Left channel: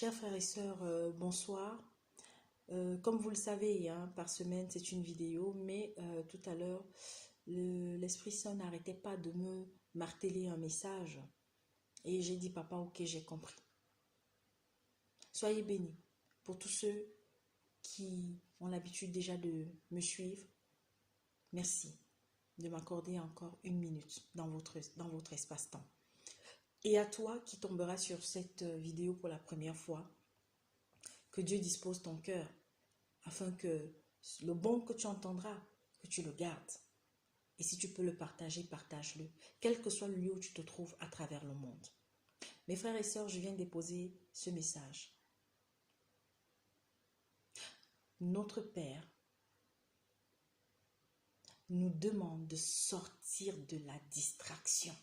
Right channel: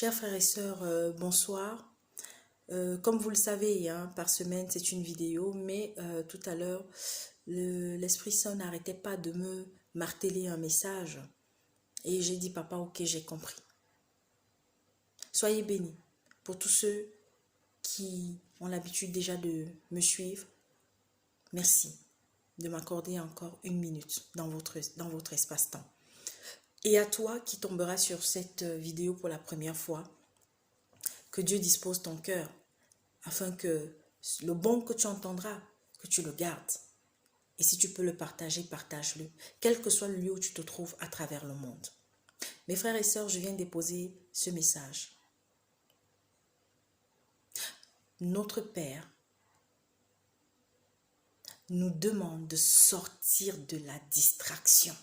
Chers frères et sœurs, bonsoir. Comme vous le savez, hein, par semaine, c'est une vidéo, mais tout à l'heure, l'Esprit Saint n'arrêtait pas de me marteler un message. Et j'ai dit, papa, ok, j'ai compris. Soyez bénis. Pour tous ceux qui ont l'habitude déjà de me suivre, merci de m'accorder encore une minute dans votre espace-temps. Et à toi qui tomberas sur cette vidéo pour la première fois, que Dieu dispose ton cœur afin que le bon que tu entendras, que tu le gardes. Et si tu peux le partager, partage-le, quel que soit le lieu où tu te trouves à travers le monde. Mes frères et sœurs, je viens déposer ce message. Notre Père nous demande de sortir de la distraction.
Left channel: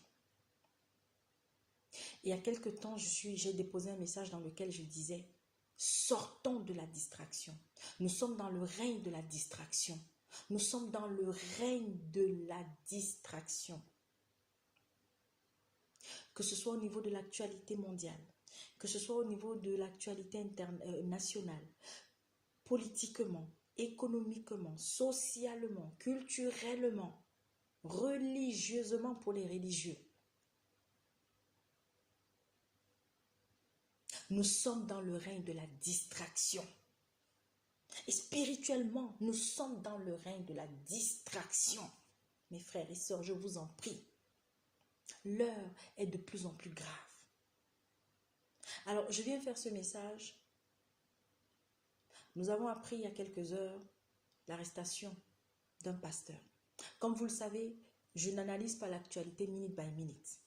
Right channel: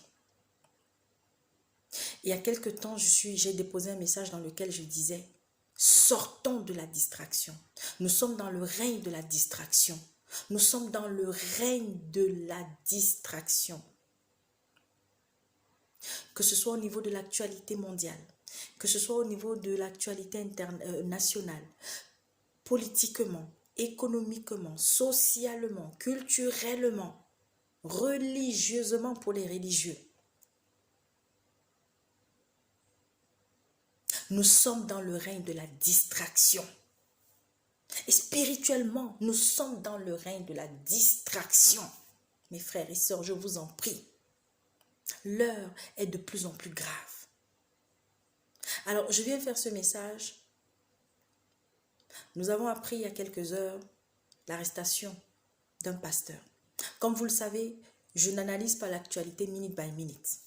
Il y a quelque temps, j'ai déposé un message dans lequel je disais, sortons de la distraction. Nous sommes dans le règne de la distraction. Nous sommes dans le règne de la distraction. Que ce soit au niveau de l'actualité mondiale, que ce soit au niveau de l'actualité nationale, politiquement, économiquement, socialement, culturellement, religieusement pour les religieux. Nous sommes dans le règne de la distraction. Et spirituellement, nous sommes dans le règne de la distraction. Mes frères et sœurs, je vous en prie. L'heure est de plus en plus grave. Alors, je viens faire ce message. Nous avons appris il y a quelques heures l'arrestation d'un pasteur. Comme vous le savez, je n'analyse pas l'actualité minute by minute.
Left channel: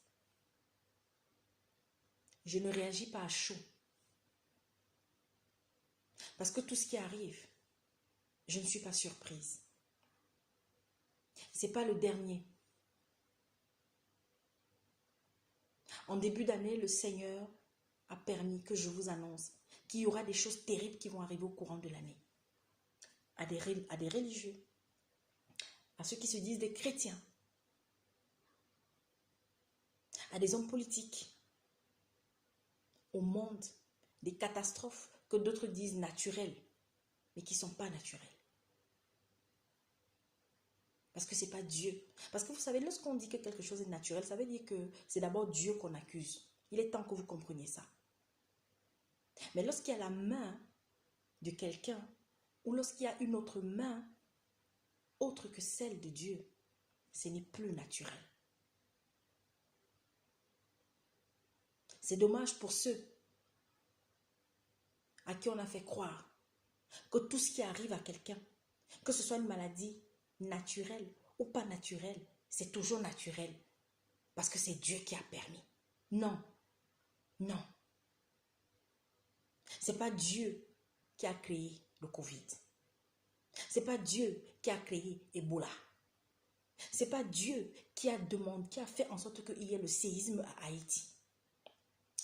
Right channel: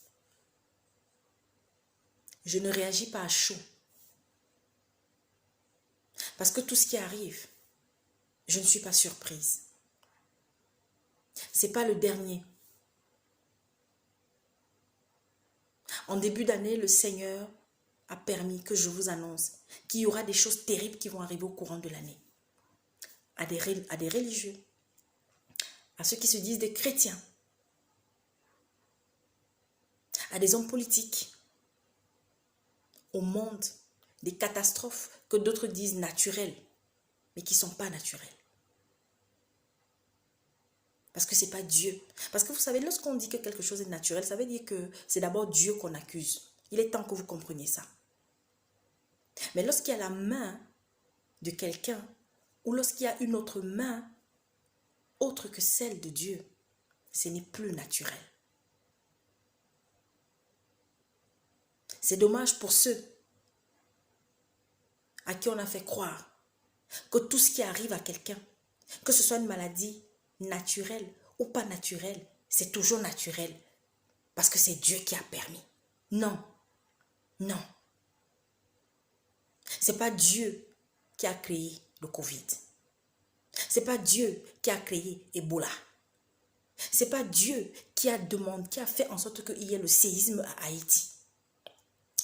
Je ne réagis pas à chaud. Parce que tout ce qui arrive, je ne suis pas surprise. Ce n'est pas le dernier. En début d'année, le Seigneur a permis que je vous annonce qu'il y aura des choses terribles qui vont arriver au courant de l'année. À des religieux, à ceux qui se disent des chrétiens, à des hommes politiques, au monde, des catastrophes que d'autres disent naturelles, mais qui ne sont pas naturelles. Parce que ce n'est pas Dieu. Parce que vous savez, lorsqu'on dit que quelque chose est naturel, ça veut dire que c'est d'abord Dieu qu'on accuse. Il est temps que vous compreniez ça. Mais lorsqu'il y a la main de quelqu'un, ou lorsqu'il y a une autre main, autre que celle de Dieu, ce n'est plus naturel. C'est dommage pour ceux à qui on a fait croire que tout ce qui arrive à quelqu'un, que ce soit une maladie naturelle ou pas naturelle, c'est toujours naturel parce que c'est Dieu qui a permis. Non, non. C'est pas Dieu qui a créé le Covid. C'est pas Dieu qui a créé Ebola. C'est pas Dieu qui a fait en sorte qu'il y ait le séisme à Haïti.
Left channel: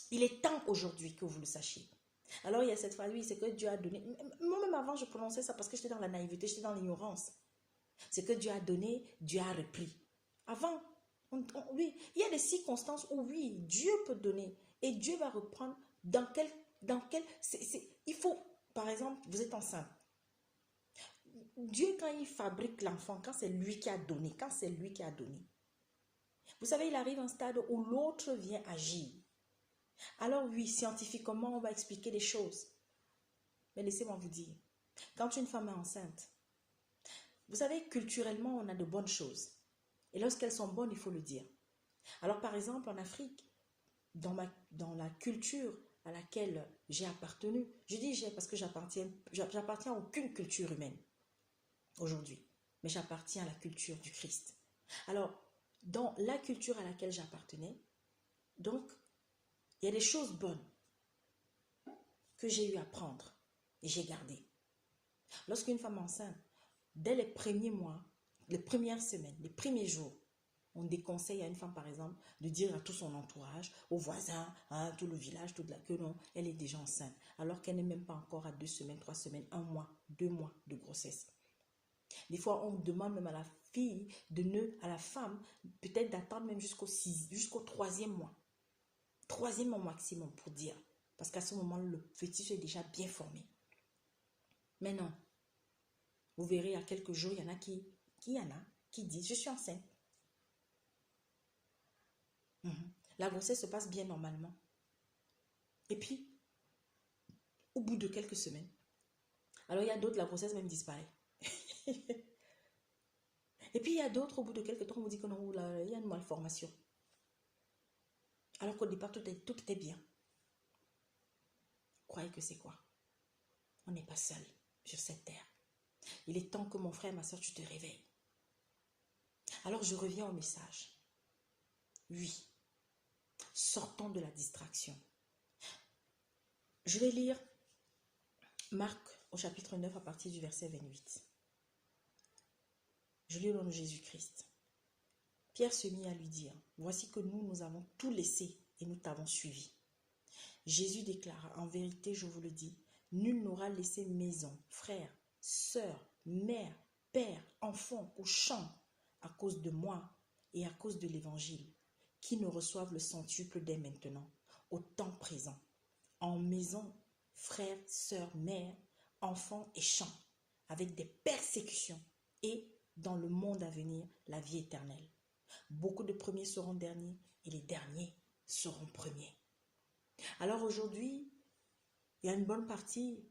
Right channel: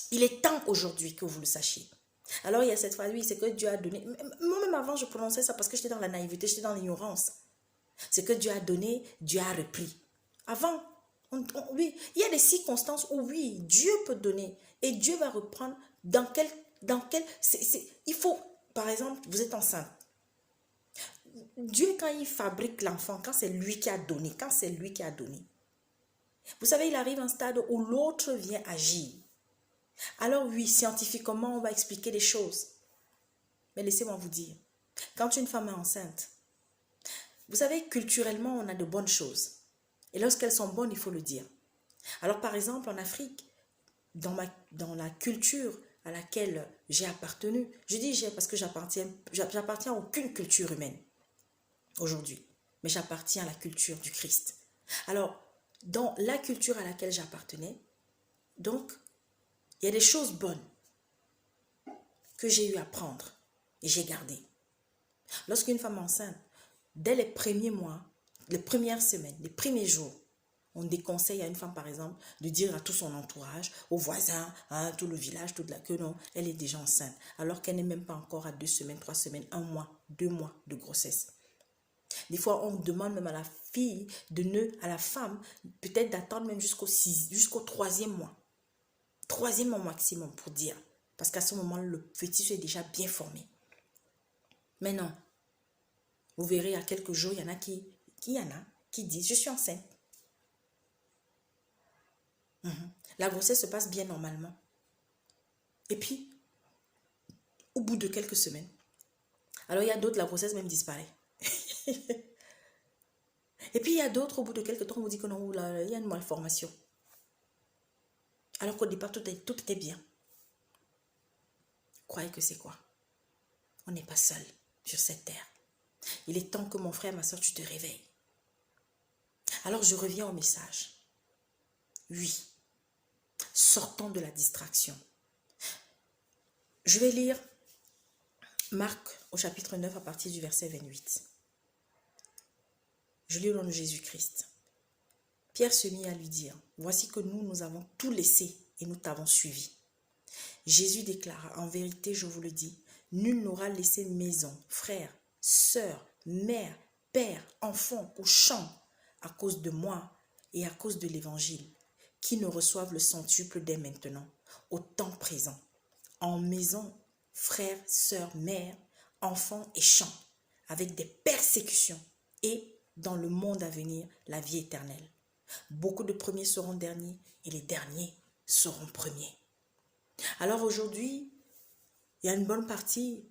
Il est temps aujourd'hui que vous le sachiez. Alors il y a cette phrase, oui, c'est que Dieu a donné. Moi-même avant, je prononçais ça parce que j'étais dans la naïveté, j'étais dans l'ignorance. C'est que Dieu a donné, Dieu a repris. Avant, oui, il y a des circonstances où oui, Dieu peut donner et Dieu va reprendre il faut, par exemple, vous êtes enceinte. Dieu, quand il fabrique l'enfant, quand c'est lui qui a donné, vous savez, il arrive à un stade où l'autre vient agir. Alors oui, scientifiquement, on va expliquer les choses. Mais laissez-moi vous dire, quand une femme est enceinte, vous savez, culturellement, on a de bonnes choses. Et lorsqu'elles sont bonnes, il faut le dire. Alors par exemple, en Afrique, dans la culture à laquelle j'ai appartenu, je dis j'ai parce que j'appartiens à aucune culture humaine aujourd'hui, mais j'appartiens à la culture du Christ. Alors, dans la culture à laquelle j'appartenais, donc, il y a des choses bonnes que j'ai eu à prendre et j'ai gardé. Lorsqu'une femme enceinte, dès les premiers mois, les premières semaines, les premiers jours, on déconseille à une femme, par exemple, de dire à tout son entourage, aux voisins, à tout le village, que non, elle est déjà enceinte, alors qu'elle n'est même pas encore à 2 semaines, 3 semaines, 1 mois, 2 mois de grossesse. Des fois, on demande même à la fille, à la femme, peut-être d'attendre même jusqu'au 3e mois. 3e mois maximum pour dire. Parce qu'à ce moment, le fœtus est déjà bien formé. Mais non. Vous verrez, à quelques jours, il y en a qui disent, je suis enceinte. La grossesse se passe bien normalement. Et puis, au bout de quelques semaines, alors il y a d'autres, la grossesse même disparaît. Et puis il y a d'autres, au bout de quelques temps, on vous dit que non, là, il y a une malformation. Alors qu'au départ, tout était bien. Croyez que c'est quoi? On n'est pas seul sur cette terre. Il est temps que mon frère, ma soeur, tu te réveilles. Alors je reviens au message. Oui, sortons de la distraction. Je vais lire Marc au chapitre 9 à partir du verset 28. Je lis au nom de Jésus-Christ. Pierre se mit à lui dire, voici que nous avons tout laissé et nous t'avons suivi. Jésus déclara, en vérité, je vous le dis, nul n'aura laissé maison, frère, sœur, mère, père, enfant ou champ à cause de moi et à cause de l'évangile, qui ne reçoivent le centuple dès maintenant, au temps présent, en maison, frères, sœurs, mères, enfants et champs, avec des persécutions et, dans le monde à venir, la vie éternelle. Beaucoup de premiers seront derniers et les derniers seront premiers. Alors aujourd'hui, il y a une bonne partie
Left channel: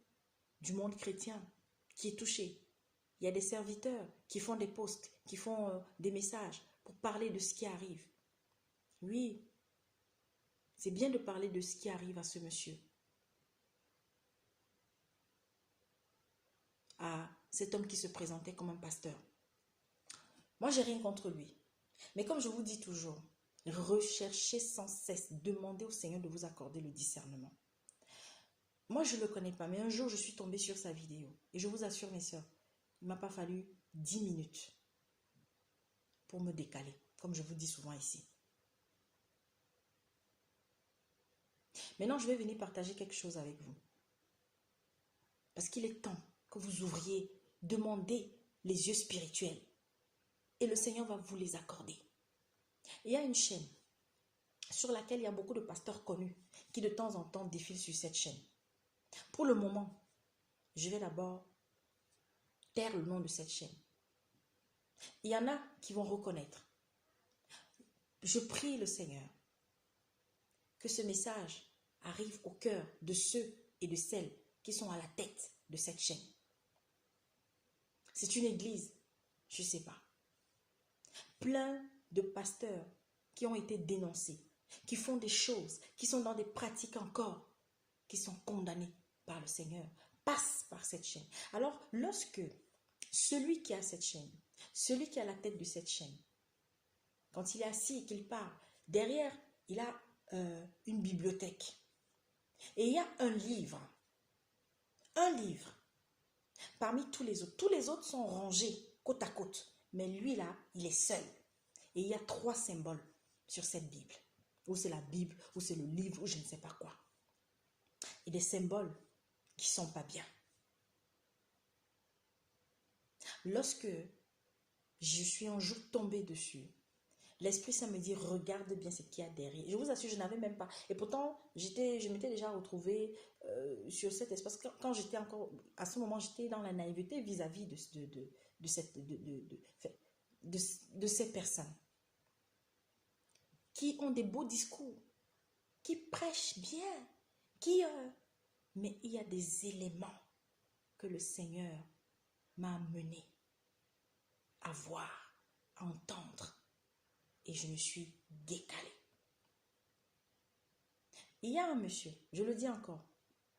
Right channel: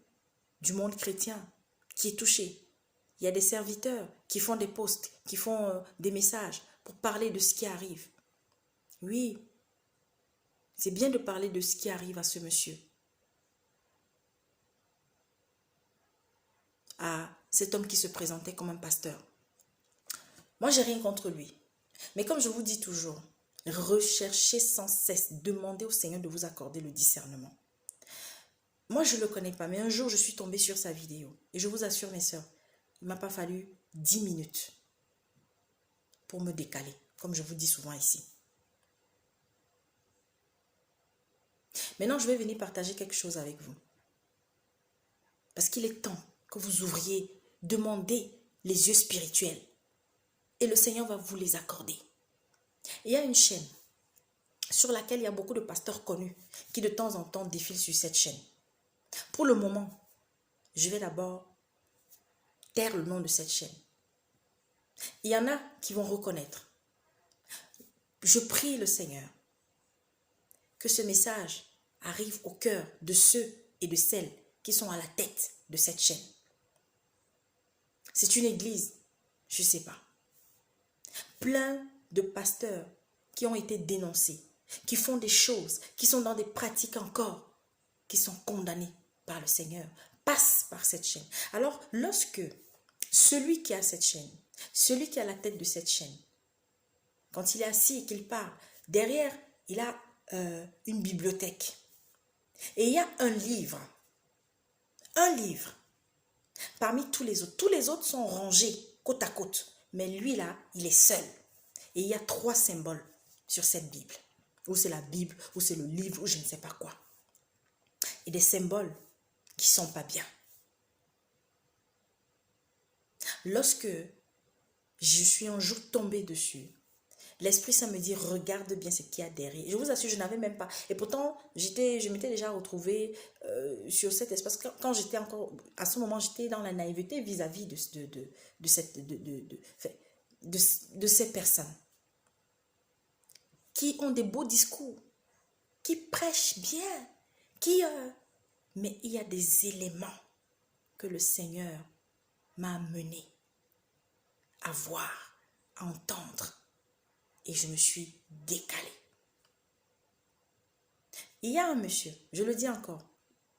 du monde chrétien qui est touchée. Il y a des serviteurs qui font des posts, qui font des messages pour parler de ce qui arrive. Oui, c'est bien de parler de ce qui arrive à ce monsieur. À cet homme qui se présentait comme un pasteur. Moi, j'ai rien contre lui. Mais comme je vous dis toujours, recherchez sans cesse, demandez au Seigneur de vous accorder le discernement. Moi, je ne le connais pas, mais un jour, je suis tombée sur sa vidéo. Et je vous assure, mes soeurs, il ne m'a pas fallu 10 minutes pour me décaler, comme je vous dis souvent ici. Maintenant, je vais venir partager quelque chose avec vous. Parce qu'il est temps que vous ouvriez, demandez les yeux spirituels. Et le Seigneur va vous les accorder. Il y a une chaîne sur laquelle il y a beaucoup de pasteurs connus qui de temps en temps défilent sur cette chaîne. Pour le moment, je vais d'abord taire le nom de cette chaîne. Il y en a qui vont reconnaître. Je prie le Seigneur que ce message arrive au cœur de ceux et de celles qui sont à la tête de cette chaîne. C'est une église, je ne sais pas. Plein de pasteurs qui ont été dénoncés, qui font des choses, qui sont dans des pratiques encore, qui sont condamnés par le Seigneur, passent par cette chaîne. Alors, lorsque celui qui a cette chaîne, celui qui a la tête de cette chaîne, quand il est assis et qu'il parle, derrière, il a une bibliothèque. Et il y a un livre. Parmi tous les autres. Tous les autres sont rangés côte à côte. Mais lui là, il est seul. Et il y a 3 symboles sur cette Bible. Ou c'est la Bible, ou c'est le livre, ou je ne sais pas quoi. Et des symboles qui ne sont pas bien. Lorsque je suis un jour tombée dessus, l'Esprit Saint me dit, regarde bien ce qu'il y a derrière. Je vous assure, je n'avais même pas. Et pourtant, je m'étais déjà retrouvée sur cet espace. Quand j'étais encore, à ce moment, j'étais dans la naïveté vis-à-vis de ces personnes qui ont des beaux discours, qui prêchent bien, mais il y a des éléments que le Seigneur m'a amené à voir, à entendre. Et je me suis décalée. Il y a un monsieur, je le dis encore,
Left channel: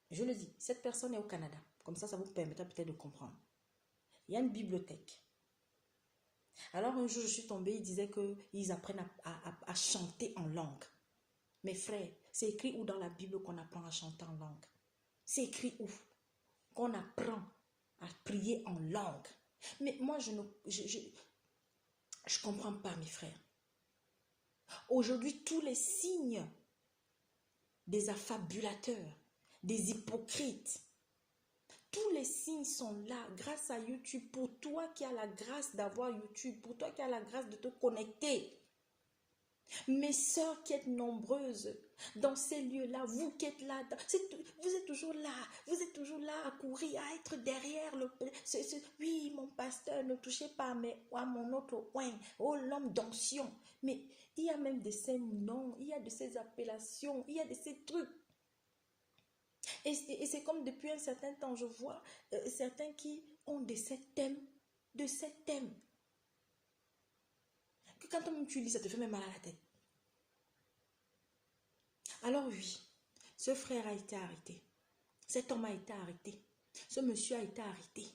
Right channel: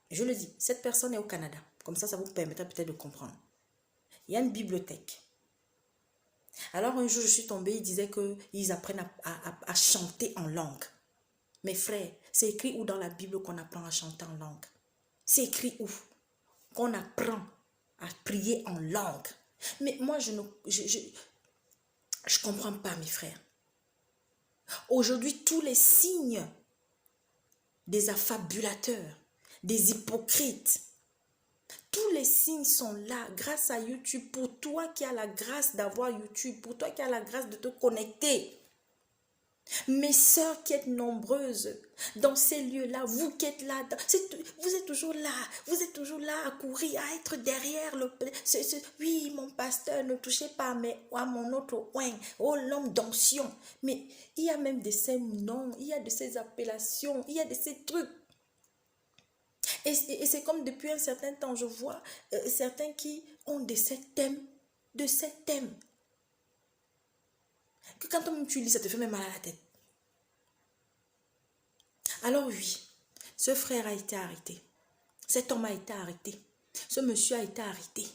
je le dis, cette personne est au Canada. Comme ça vous permettra peut-être de comprendre. Il y a une bibliothèque. Alors un jour, je suis tombée, il disait qu'ils apprennent à chanter en langue. Mes frères, c'est écrit où dans la Bible qu'on apprend à chanter en langue? C'est écrit où? Qu'on apprend à prier en langue. Mais moi, je comprends pas, mes frères. Aujourd'hui, tous les signes des affabulateurs, des hypocrites, tous les signes sont là grâce à YouTube. Pour toi qui as la grâce d'avoir YouTube, pour toi qui as la grâce de te connecter, Mes sœurs qui êtes nombreuses dans ces lieux-là, vous qui êtes là, vous êtes toujours là à courir, à être derrière oui, mon pasteur, ne touchez pas à mon autre oin, oh l'homme d'onction. Mais il y a même de ces noms, il y a de ces appellations, il y a de ces trucs. Et c'est comme depuis un certain temps, je vois certains qui ont de ces thèmes, que quand tu lis, ça te fait même mal à la tête. Alors oui, ce frère a été arrêté. Cet homme a été arrêté. Ce monsieur a été arrêté.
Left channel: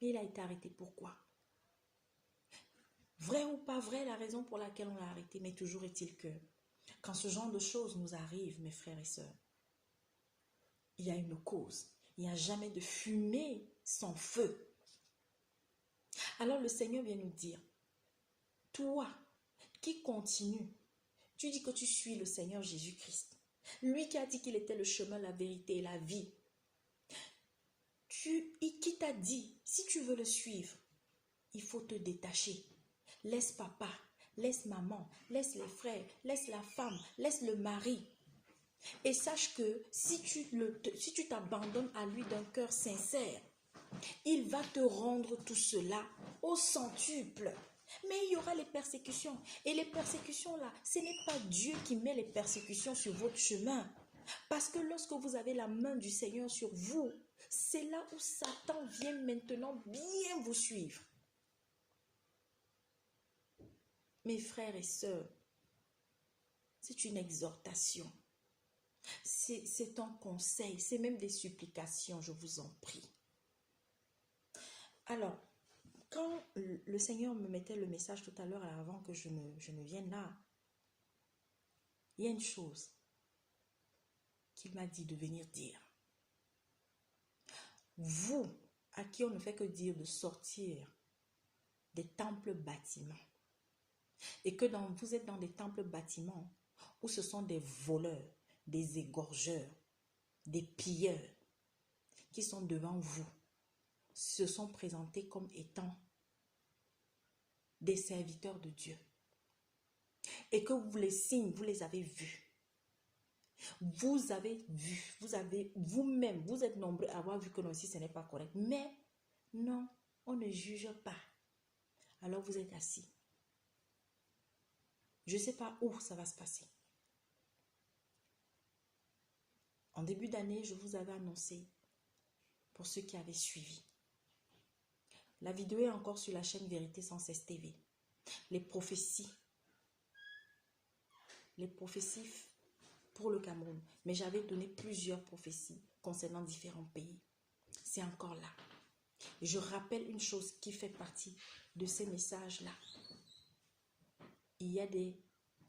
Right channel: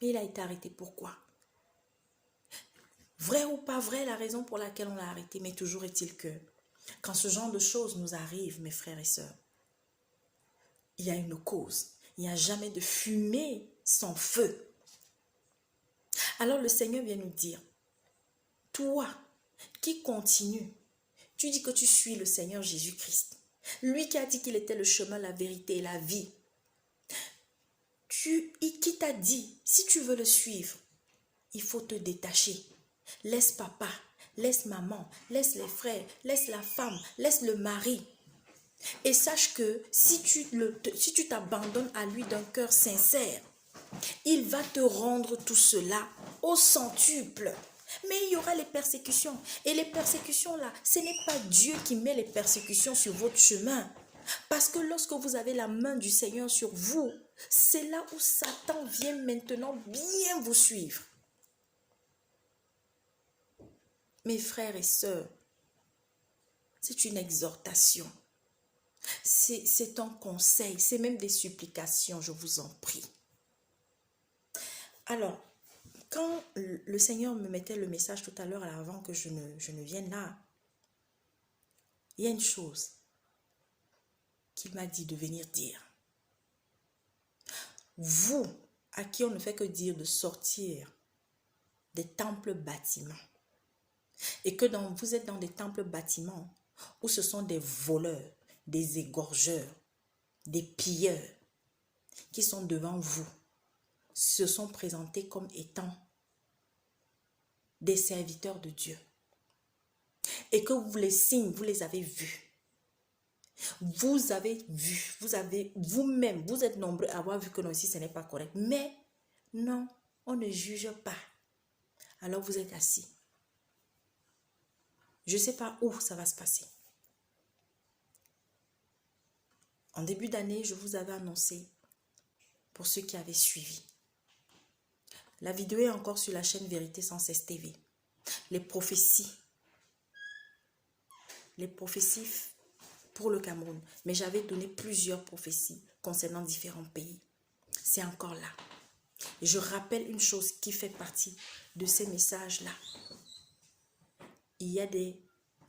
Mais il a été arrêté pourquoi? Vrai ou pas vrai, la raison pour laquelle on l'a arrêté, mais toujours est-il que quand ce genre de choses nous arrive, mes frères et sœurs, il y a une cause. Il n'y a jamais de fumée sans feu. Alors le Seigneur vient nous dire, toi qui continues, tu dis que tu suis le Seigneur Jésus-Christ. Lui qui a dit qu'il était le chemin, la vérité et la vie. Qui t'a dit, si tu veux le suivre, il faut te détacher. Laisse papa, laisse maman, laisse les frères, laisse la femme, laisse le mari. Et sache que si tu t'abandonnes à lui d'un cœur sincère, il va te rendre tout cela au centuple. Mais il y aura les persécutions. Et les persécutions là, ce n'est pas Dieu qui met les persécutions sur votre chemin. Parce que lorsque vous avez la main du Seigneur sur vous, c'est là où Satan vient maintenant bien vous suivre. Mes frères et sœurs, c'est une exhortation. C'est un conseil, c'est même des supplications, je vous en prie. Alors, quand le Seigneur me mettait le message tout à l'heure, avant que je ne vienne là, il y a une chose qu'il m'a dit de venir dire. Vous, à qui on ne fait que dire de sortir des temples bâtiments, et que vous êtes dans des temples bâtiments où ce sont des voleurs, des égorgeurs, des pilleurs qui sont devant vous, se sont présentés comme étant des serviteurs de Dieu. Et que vous les signes, vous les avez vus. Vous avez vu, vous-même, vous êtes nombreux à avoir vu que non, ici ce n'est pas correct. Mais non, on ne juge pas. Alors vous êtes assis. Je ne sais pas où ça va se passer. En début d'année, je vous avais annoncé, pour ceux qui avaient suivi, la vidéo est encore sur la chaîne Vérité Sans Cesse TV. Les prophéties pour le Cameroun. Mais j'avais donné plusieurs prophéties concernant différents pays. C'est encore là. Et je rappelle une chose qui fait partie de ces messages-là. Il y a des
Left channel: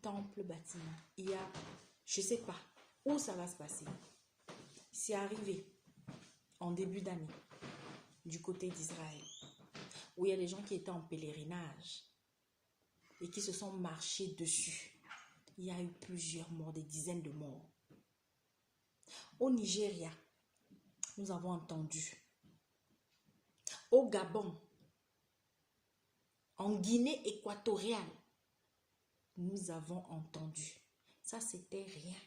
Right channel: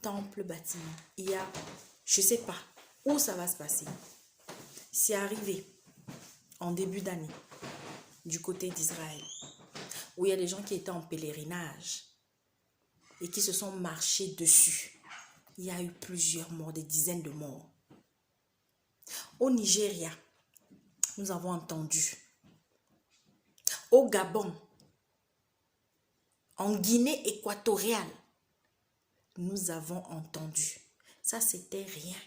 temples bâtiments. Il y a, je ne sais pas où ça va se passer. C'est arrivé en début d'année du côté d'Israël, où il y a des gens qui étaient en pèlerinage et qui se sont marchés dessus. Il y a eu plusieurs morts, des dizaines de morts. Au Nigeria, nous avons entendu. Au Gabon, en Guinée équatoriale, nous avons entendu. Ça, c'était rien.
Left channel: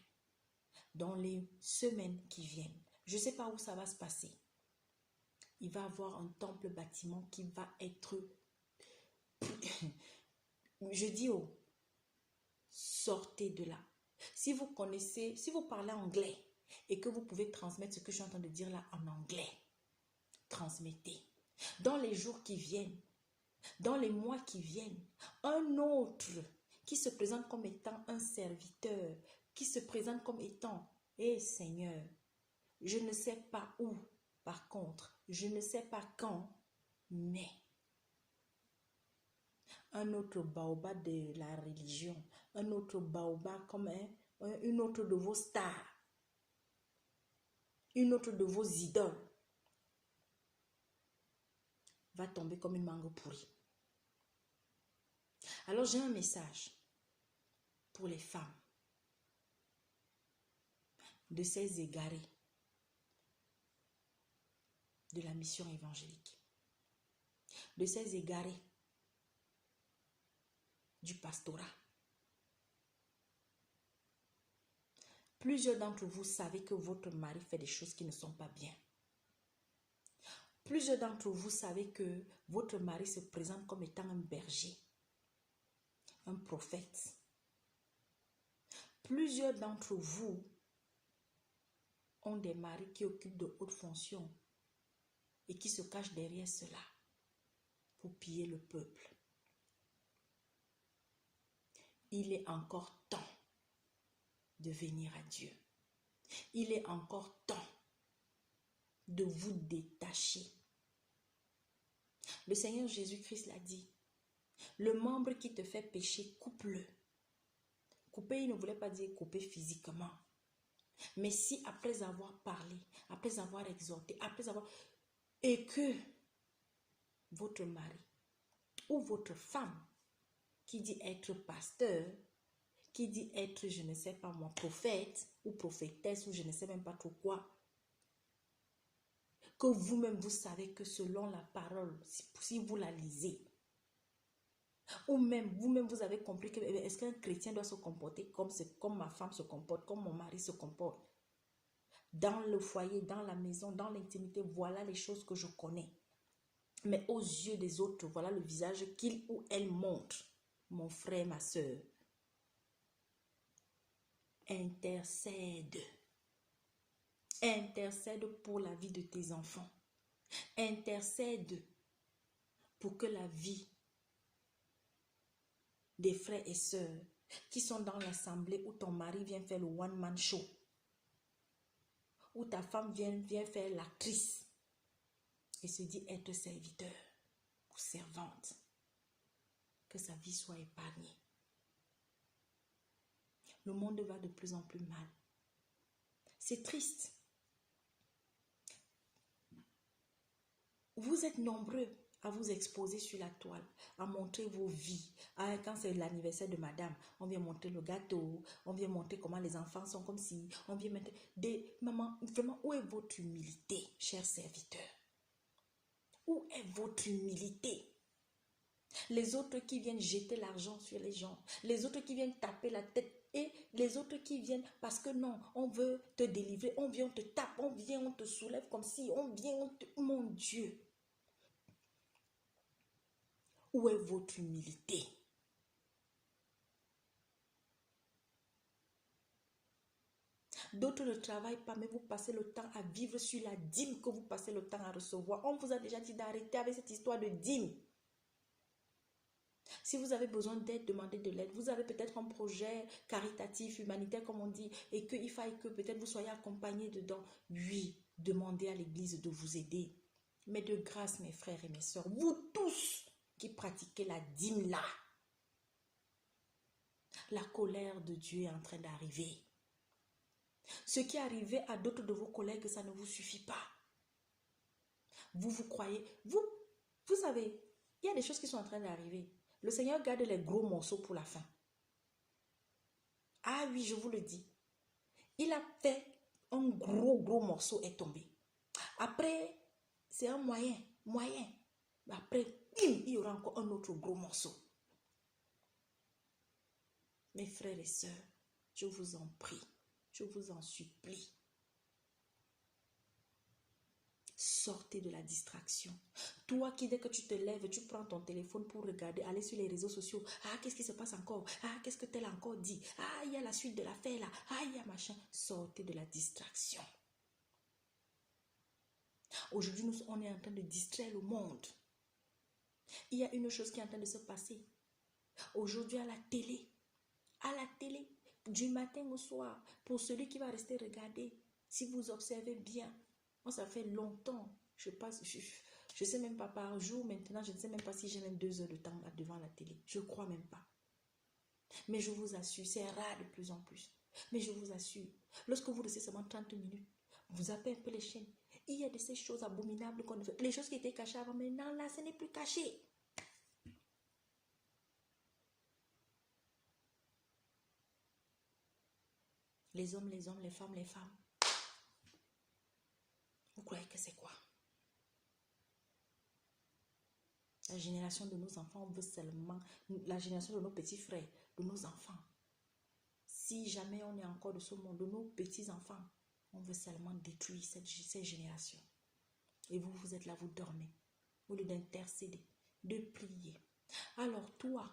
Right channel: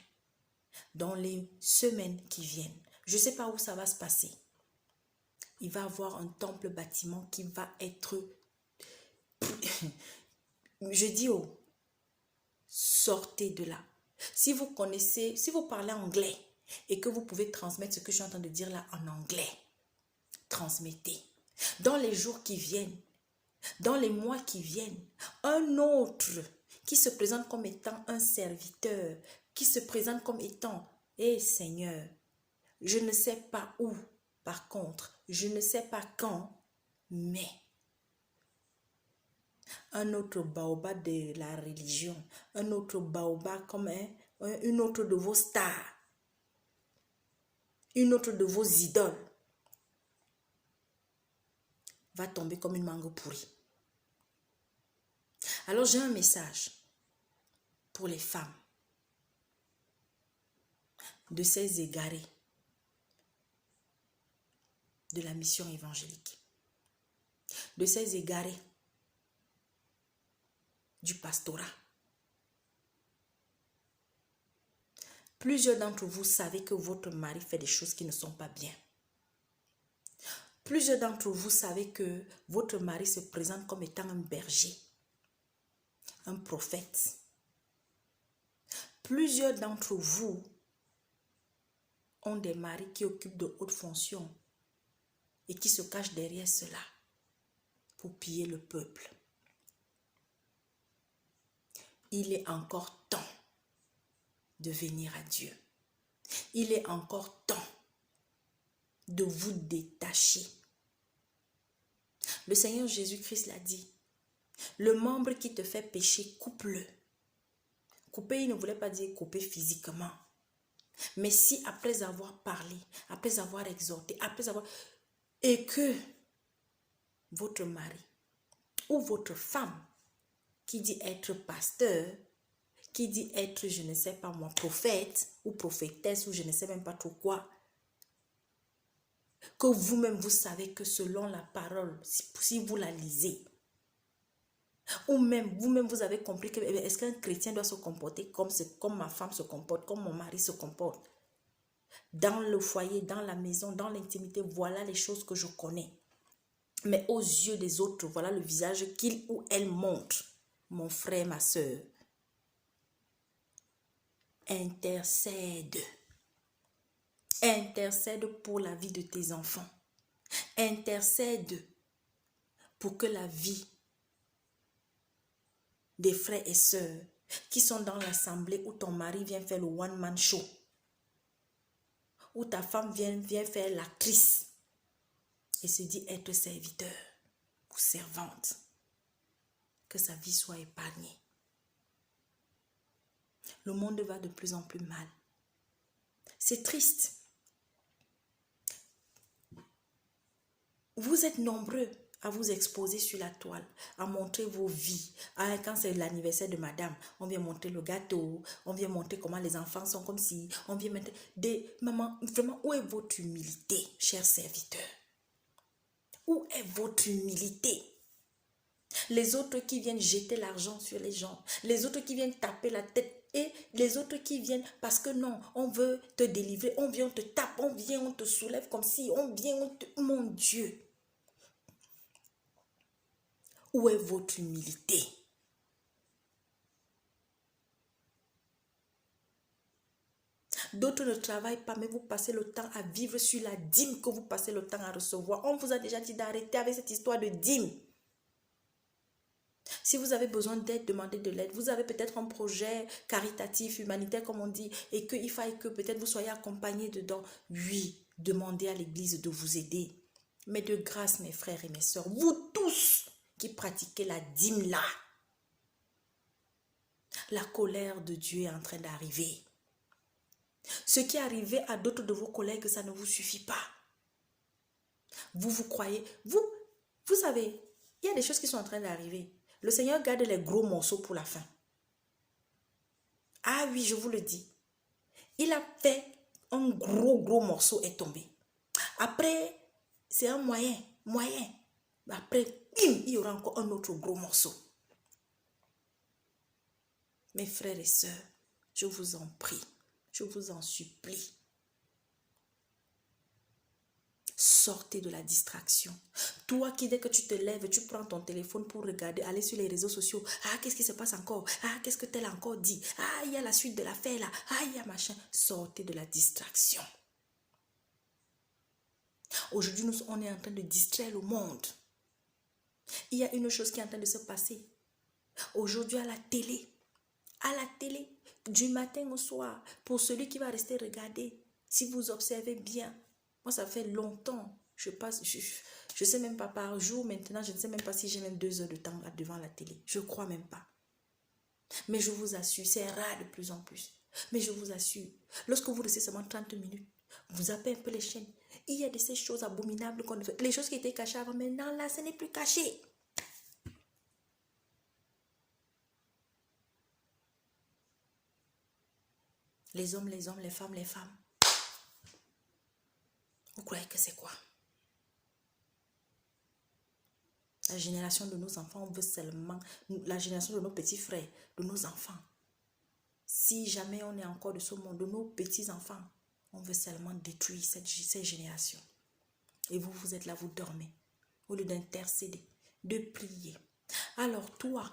Dans les semaines qui viennent, je ne sais pas où ça va se passer. Il va y avoir un temple bâtiment qui va être... Je dis sortez de là. Si vous connaissez, si vous parlez anglais et que vous pouvez transmettre ce que je suis en train de dire là en anglais, transmettez. Dans les jours qui viennent, dans les mois qui viennent, un autre qui se présente comme étant un serviteur, qui se présente comme étant, Seigneur, je ne sais pas où, par contre, je ne sais pas quand, mais un autre baobab de la religion, un autre baobab comme une autre de vos stars, une autre de vos idoles, va tomber comme une mangue pourrie. Alors j'ai un message pour les femmes de ces égarés de la mission évangélique, de ces égarés du pastorat, Plusieurs d'entre vous savez que votre mari fait des choses qui ne sont pas bien. Plusieurs d'entre vous savez que votre mari se présente comme étant un berger, un prophète. Plusieurs d'entre vous ont des maris qui occupent de hautes fonctions et qui se cachent derrière cela pour piller le peuple. Il est encore temps de venir à Dieu. Il est encore temps de vous détacher. Le Seigneur Jésus-Christ l'a dit. Le membre qui te fait pécher, coupe-le. Couper, il ne voulait pas dire couper physiquement. Mais si après avoir parlé, après avoir exhorté, après avoir... Et que votre mari ou votre femme qui dit être pasteur, qui dit être, je ne sais pas moi, prophète ou prophétesse ou je ne sais même pas trop quoi, que vous-même vous savez que selon la parole, si vous la lisez, ou même vous-même vous avez compris que est-ce qu'un chrétien doit se comporter comme ma femme se comporte, comme mon mari se comporte. Dans le foyer, dans la maison, dans l'intimité, voilà les choses que je connais. Mais aux yeux des autres, voilà le visage qu'il ou elle montre. Mon frère, ma soeur, intercède. Intercède pour la vie de tes enfants. Intercède pour que la vie des frères et sœurs qui sont dans l'assemblée où ton mari vient faire le one-man show, où ta femme vient faire l'actrice et se dit être serviteur ou servante, que sa vie soit épargnée. Le monde va de plus en plus mal. C'est triste. Vous êtes nombreux à vous exposer sur la toile, à montrer vos vies. Quand c'est l'anniversaire de madame, on vient montrer le gâteau, on vient montrer comment les enfants sont comme si, on vient montrer des mamans. Vraiment, où est votre humilité, chers serviteurs? Où est votre humilité? Les autres qui viennent jeter l'argent sur les gens, les autres qui viennent taper la tête, et les autres qui viennent parce que non, on veut te délivrer, on vient, on te tape, on vient, on te soulève comme si, on vient, on te... Mon Dieu! Où est votre humilité? D'autres ne travaillent pas, mais vous passez le temps à vivre sur la dîme que vous passez le temps à recevoir. On vous a déjà dit d'arrêter avec cette histoire de dîme. Si vous avez besoin d'aide, demandez de l'aide. Vous avez peut-être un projet caritatif, humanitaire, comme on dit, et qu'il faille que peut-être vous soyez accompagné dedans. Oui, demandez à l'église de vous aider. Mais de grâce, mes frères et mes sœurs, vous tous qui pratiquez la dîme là, la colère de Dieu est en train d'arriver. Ce qui est arrivé à d'autres de vos collègues, ça ne vous suffit pas. Vous croyez, vous savez, il y a des choses qui sont en train d'arriver. Le Seigneur garde les gros morceaux pour la fin. Ah oui, je vous le dis. Il a fait un gros morceau est tombé. Après, c'est un moyen. Après, il y aura encore un autre gros morceau. Mes frères et sœurs, je vous en prie, je vous en supplie. Sortez de la distraction. Toi qui, dès que tu te lèves, tu prends ton téléphone pour regarder, aller sur les réseaux sociaux. Ah, qu'est-ce qui se passe encore? Ah, qu'est-ce que tel a encore dit? Ah, il y a la suite de l'affaire là. Ah, il y a machin. Sortez de la distraction. Aujourd'hui, on est en train de distraire le monde. Il y a une chose qui est en train de se passer. Aujourd'hui, à la télé, du matin au soir, pour celui qui va rester regarder, si vous observez bien, moi ça fait longtemps, je sais même pas par jour maintenant, je ne sais même pas si j'ai même 2 heures de temps là devant la télé, je crois même pas. Mais je vous assure, c'est rare de plus en plus. Mais je vous assure, lorsque vous restez seulement 30 minutes, vous zappez un peu les chaînes, il y a de ces choses abominables qu'on fait. Les choses qui étaient cachées avant, maintenant là, ce n'est plus caché. Les hommes, les femmes, les femmes. Vous croyez que c'est quoi? La génération de nos enfants, on veut seulement... La génération de nos petits frères, de nos enfants. si jamais on est encore de ce monde, de nos petits-enfants, on veut seulement détruire cette génération. Et vous, vous êtes là, vous dormez. Au lieu d'intercéder, de prier. Alors toi,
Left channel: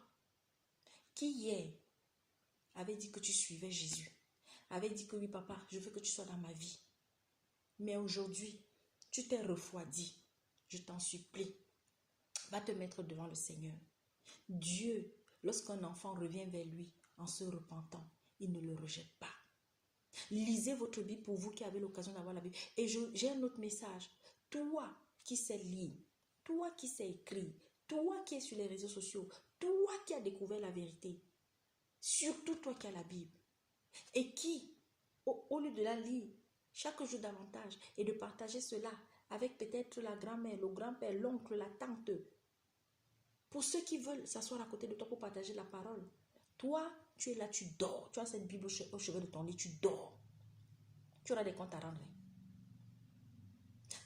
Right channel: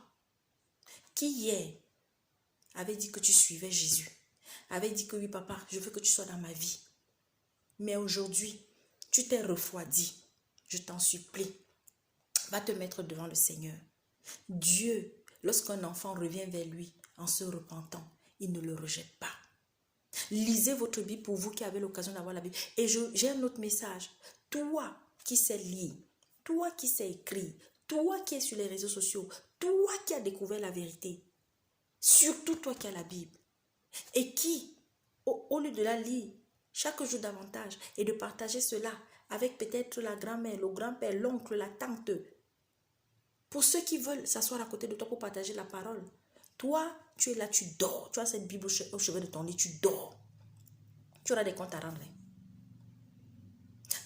qui hier avait dit que tu suivais Jésus, avait dit que oui papa, je veux que tu sois dans ma vie. Mais aujourd'hui, tu t'es refroidi. Je t'en supplie. Va te mettre devant le Seigneur. Dieu, lorsqu'un enfant revient vers lui en se repentant, il ne le rejette pas. Lisez votre Bible pour vous qui avez l'occasion d'avoir la Bible. Et j'ai un autre message. Toi qui sais lire, toi qui sais écrire, toi qui es sur les réseaux sociaux, toi qui as découvert la vérité, surtout toi qui as la Bible, et qui, au lieu de la lire chaque jour davantage et de partager cela avec peut-être la grand-mère, le grand-père, l'oncle, la tante, pour ceux qui veulent s'asseoir à côté de toi pour partager la parole, toi, tu es là, tu dors, tu as cette Bible au chevet de ton lit, tu dors. Tu auras des comptes à rendre.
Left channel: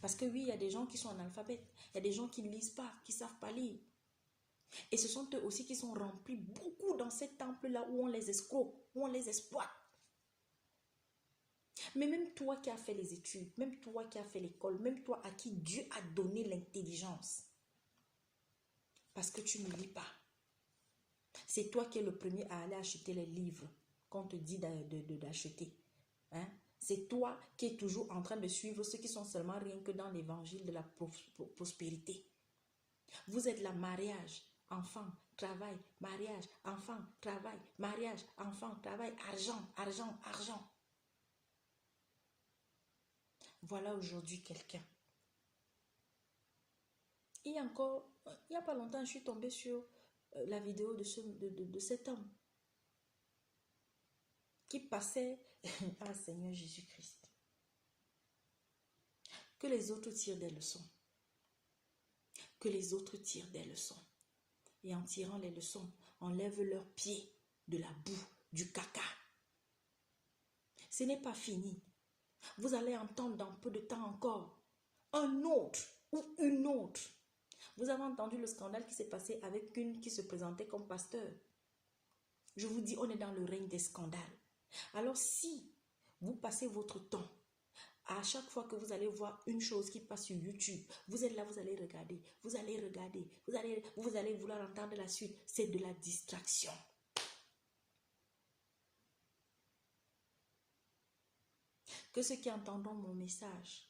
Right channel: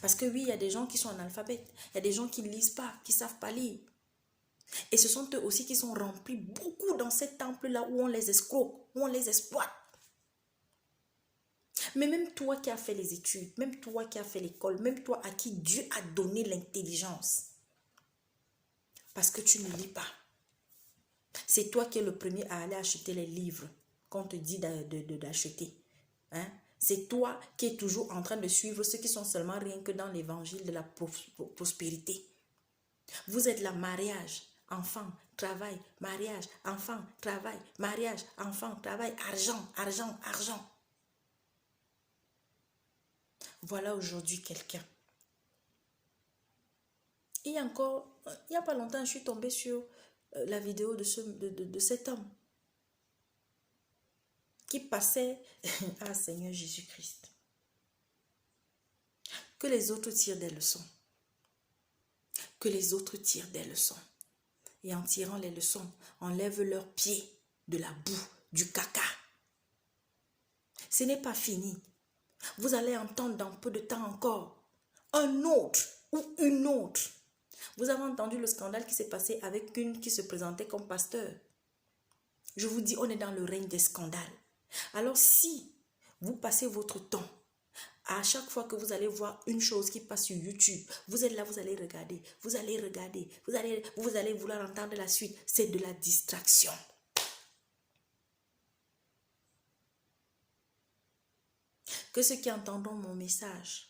Parce que oui, il y a des gens qui sont analphabètes, il y a des gens qui ne lisent pas, qui ne savent pas lire. Et ce sont eux aussi qui sont remplis beaucoup dans ces temples-là où on les escroque, où on les exploite. Mais même toi qui as fait les études, même toi qui as fait l'école, même toi à qui Dieu a donné l'intelligence, parce que tu ne lis pas. C'est toi qui es le premier à aller acheter les livres qu'on te dit d'acheter. Hein? C'est toi qui es toujours en train de suivre ceux qui sont seulement rien que dans l'évangile de la prospérité. Vous êtes là, mariage, enfant, travail, mariage, enfant, travail, mariage, enfant, travail, argent, argent, argent. Voilà aujourd'hui quelqu'un. Il y a pas longtemps, je suis tombée sur la vidéo de cet homme qui passait à Seigneur Jésus-Christ. Que les autres tirent des leçons. Que les autres tirent des leçons. Et en tirant les leçons, enlèvent leurs pieds de la boue, du caca. Ce n'est pas fini. Vous allez entendre dans peu de temps encore un autre ou une autre. Vous avez entendu le scandale qui s'est passé avec une qui se présentait comme pasteur. Je vous dis, on est dans le règne des scandales. Alors si vous passez votre temps, à chaque fois que vous allez voir une chose qui passe sur YouTube, vous êtes là, vous allez regarder, vous allez vouloir entendre la suite. C'est de la distraction. Que ceux qui entendront mon message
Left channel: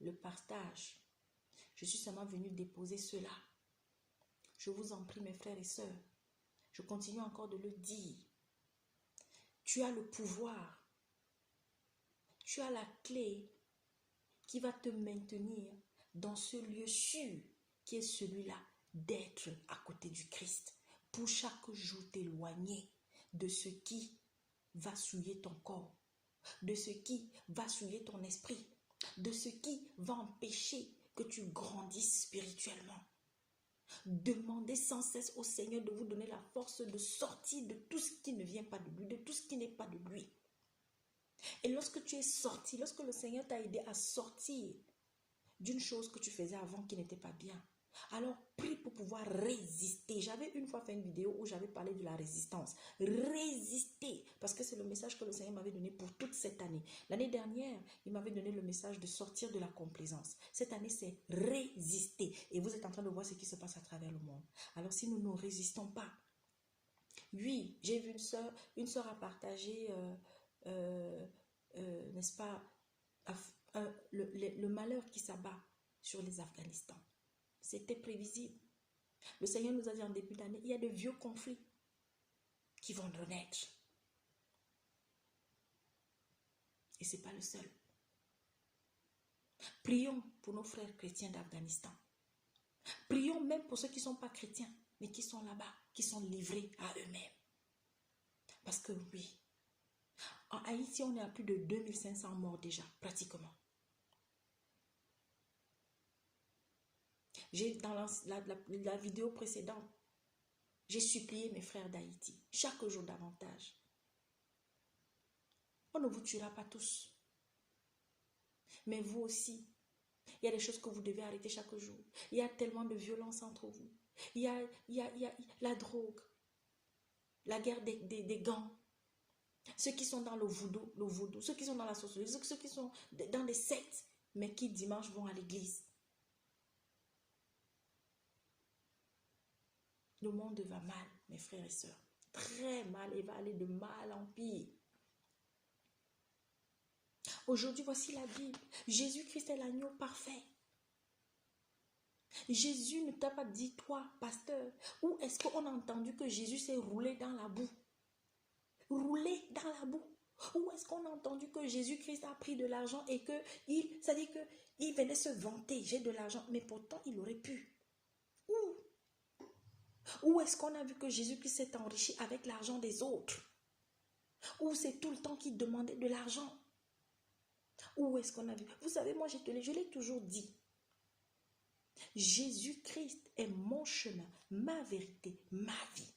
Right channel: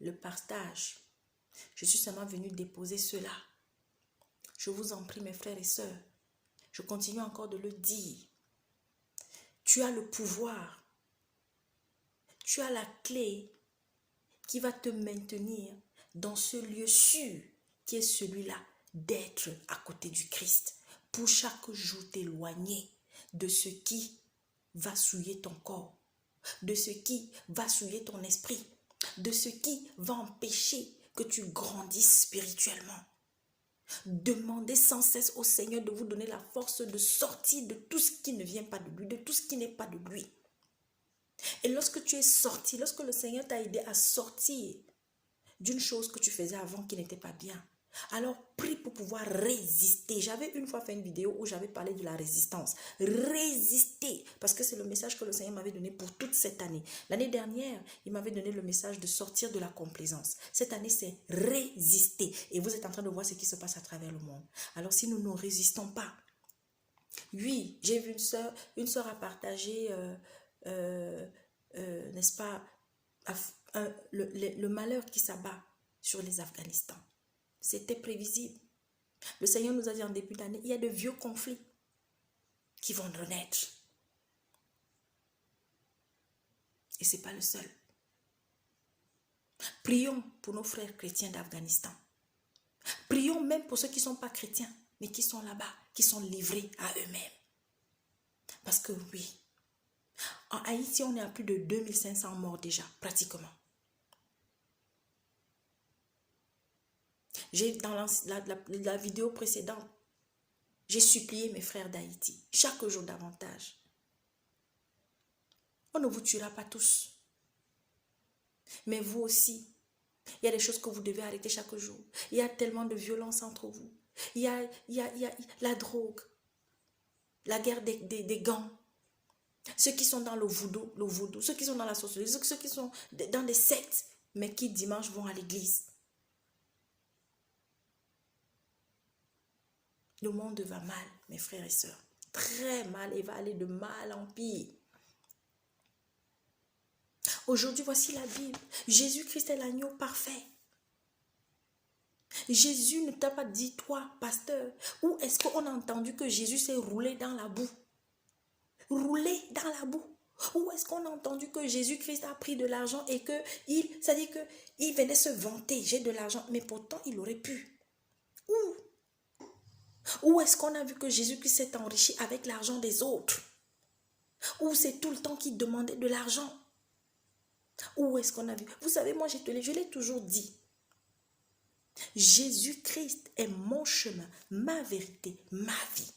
le partagent. Je suis seulement venue déposer cela. Je vous en prie, mes frères et sœurs. Je continue encore de le dire. Tu as le pouvoir. Tu as la clé qui va te maintenir dans ce lieu sûr qui est celui-là d'être à côté du Christ. Pour chaque jour t'éloigner de ce qui va souiller ton corps, de ce qui va souiller ton esprit, de ce qui va empêcher que tu grandisses spirituellement. Demandez sans cesse au Seigneur de vous donner la force de sortir de tout ce qui ne vient pas de lui, de tout ce qui n'est pas de lui. Et lorsque tu es sorti, lorsque le Seigneur t'a aidé à sortir d'une chose que tu faisais avant qui n'était pas bien, alors prie pour pouvoir résister. J'avais une fois fait une vidéo où j'avais parlé de la résistance. Résister, parce que c'est le message que le Seigneur m'avait donné pour toute cette année. L'année dernière, il m'avait donné le message de sortir de la complaisance. Cette année, c'est résister. Et vous êtes en train de voir ce qui se passe à travers le monde. Alors si nous ne résistons pas, oui, j'ai vu une sœur a partagé, n'est-ce pas, le malheur qui s'abat sur les Afghanistans. C'était prévisible. Le Seigneur nous a dit en début d'année, il y a de vieux conflits qui vont renaître. Et ce n'est pas le seul. Prions pour nos frères chrétiens d'Afghanistan. Prions même pour ceux qui ne sont pas chrétiens, mais qui sont là-bas, qui sont livrés à eux-mêmes. Parce que oui, en Haïti, on est à plus de 2500 morts déjà, pratiquement. Dans la vidéo précédente, j'ai supplié mes frères d'Haïti, chaque jour davantage. On ne vous tuera pas tous. Mais vous aussi, il y a des choses que vous devez arrêter chaque jour. Il y a tellement de violence entre vous. Il y a la drogue, la guerre des gangs. Ceux qui sont dans le vaudou, ceux qui sont dans la sorcellerie, ceux qui sont dans des sectes, mais qui dimanche vont à l'église. Le monde va mal, mes frères et sœurs. Très mal et va aller de mal en pire. Aujourd'hui, voici la Bible. Jésus-Christ est l'agneau parfait. Jésus ne t'a pas dit, toi, pasteur, où est-ce qu'on a entendu que Jésus s'est roulé dans la boue? Roulé dans la boue. Où est-ce qu'on a entendu que Jésus-Christ a pris de l'argent et que ça dit que il venait se vanter, j'ai de l'argent, mais pourtant il aurait pu. Où est-ce qu'on a vu que Jésus-Christ s'est enrichi avec l'argent des autres? Où c'est tout le temps qu'il demandait de l'argent? Où est-ce qu'on a vu? Vous savez, moi je l'ai toujours dit. Jésus-Christ est mon chemin, ma vérité, ma vie.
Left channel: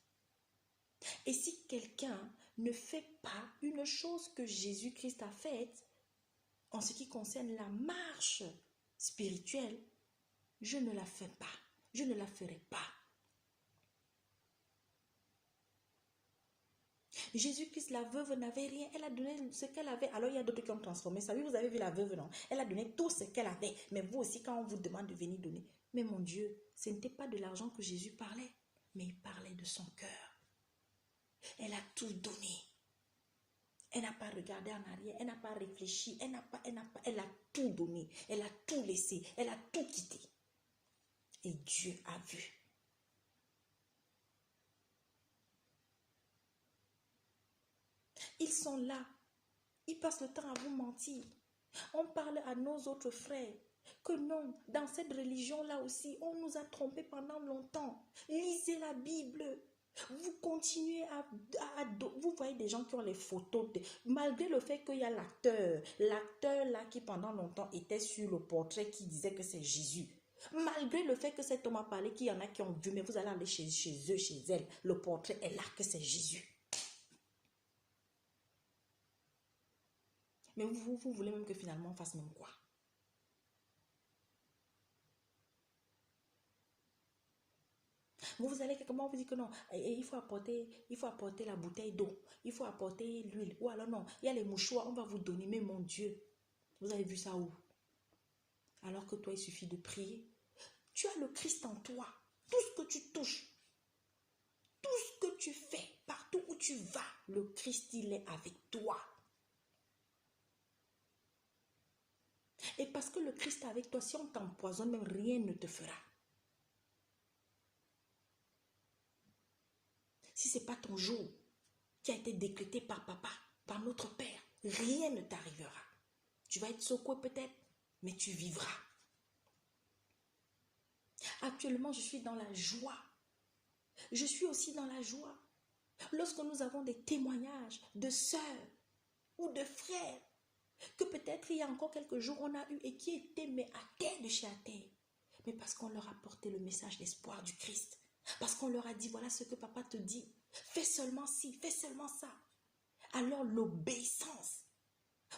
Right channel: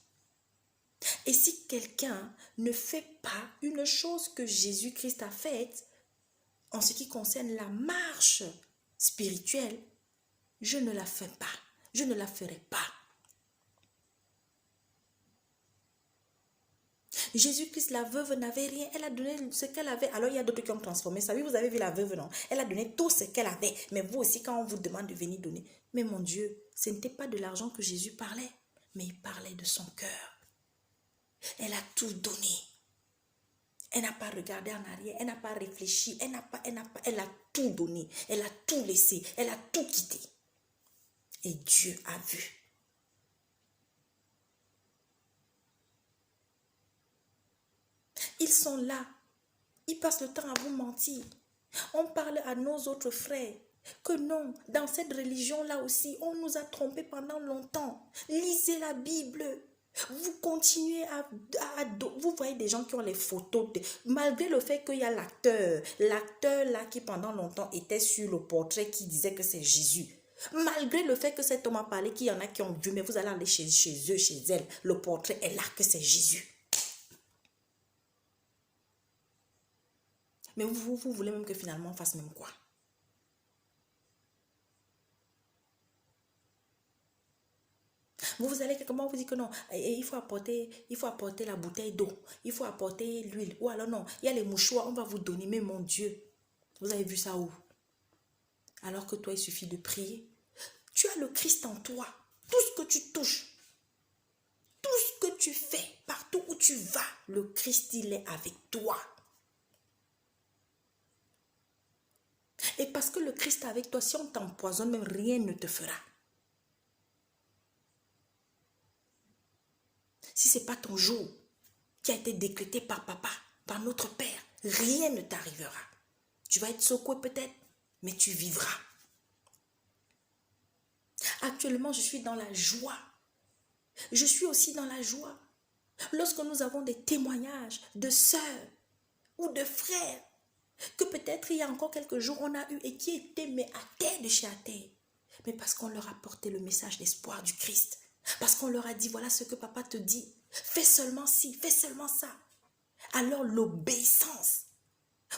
Et si quelqu'un ne fait pas une chose que Jésus-Christ a faite, en ce qui concerne la marche spirituelle, je ne la fais pas, je ne la ferai pas. Jésus-Christ, la veuve n'avait rien, elle a donné ce qu'elle avait. Alors il y a d'autres qui ont transformé ça. Oui, vous avez vu la veuve, non? Elle a donné tout ce qu'elle avait. Mais vous aussi, quand on vous demande de venir donner. Mais mon Dieu, ce n'était pas de l'argent que Jésus parlait, mais il parlait de son cœur. Elle a tout donné. Elle n'a pas regardé en arrière, elle n'a pas réfléchi, elle a tout donné, elle a tout laissé, elle a tout quitté. Et Dieu a vu. Ils sont là, ils passent le temps à vous mentir. On parle à nos autres frères que non, dans cette religion-là aussi, on nous a trompés pendant longtemps. Lisez la Bible. Vous continuez vous voyez des gens qui ont les photos, malgré le fait qu'il y a l'acteur là qui pendant longtemps était sur le portrait qui disait que c'est Jésus. Malgré le fait que cet homme a parlé, qu'il y en a qui ont vu, mais vous allez aller chez eux, chez elle, le portrait est là que c'est Jésus. Mais vous voulez même que finalement on fasse même quoi? Vous allez quelque part, vous dites que non, il faut apporter la bouteille d'eau, il faut apporter l'huile. Ou alors non, il y a les mouchoirs, on va vous donner. Mais mon Dieu, vous avez vu ça où? Alors que toi, il suffit de prier. Tu as le Christ en toi. Tout ce que tu touches, tout ce que tu fais, partout où tu vas, le Christ, il est avec toi. Et parce que le Christ est avec toi, si on t'empoisonne, même rien ne te fera. Si ce n'est pas ton jour qui a été décrété par papa, par notre Père, rien ne t'arrivera. Tu vas être secoué peut-être, mais tu vivras. Actuellement, je suis dans la joie. Je suis aussi dans la joie. Lorsque nous avons des témoignages de sœurs ou de frères, que peut-être il y a encore quelques jours on a eu et qui étaient mais à terre de chez à terre. Mais parce qu'on leur a porté le message d'espoir du Christ. Parce qu'on leur a dit, voilà ce que papa te dit. Fais seulement ci, fais seulement ça. Alors l'obéissance.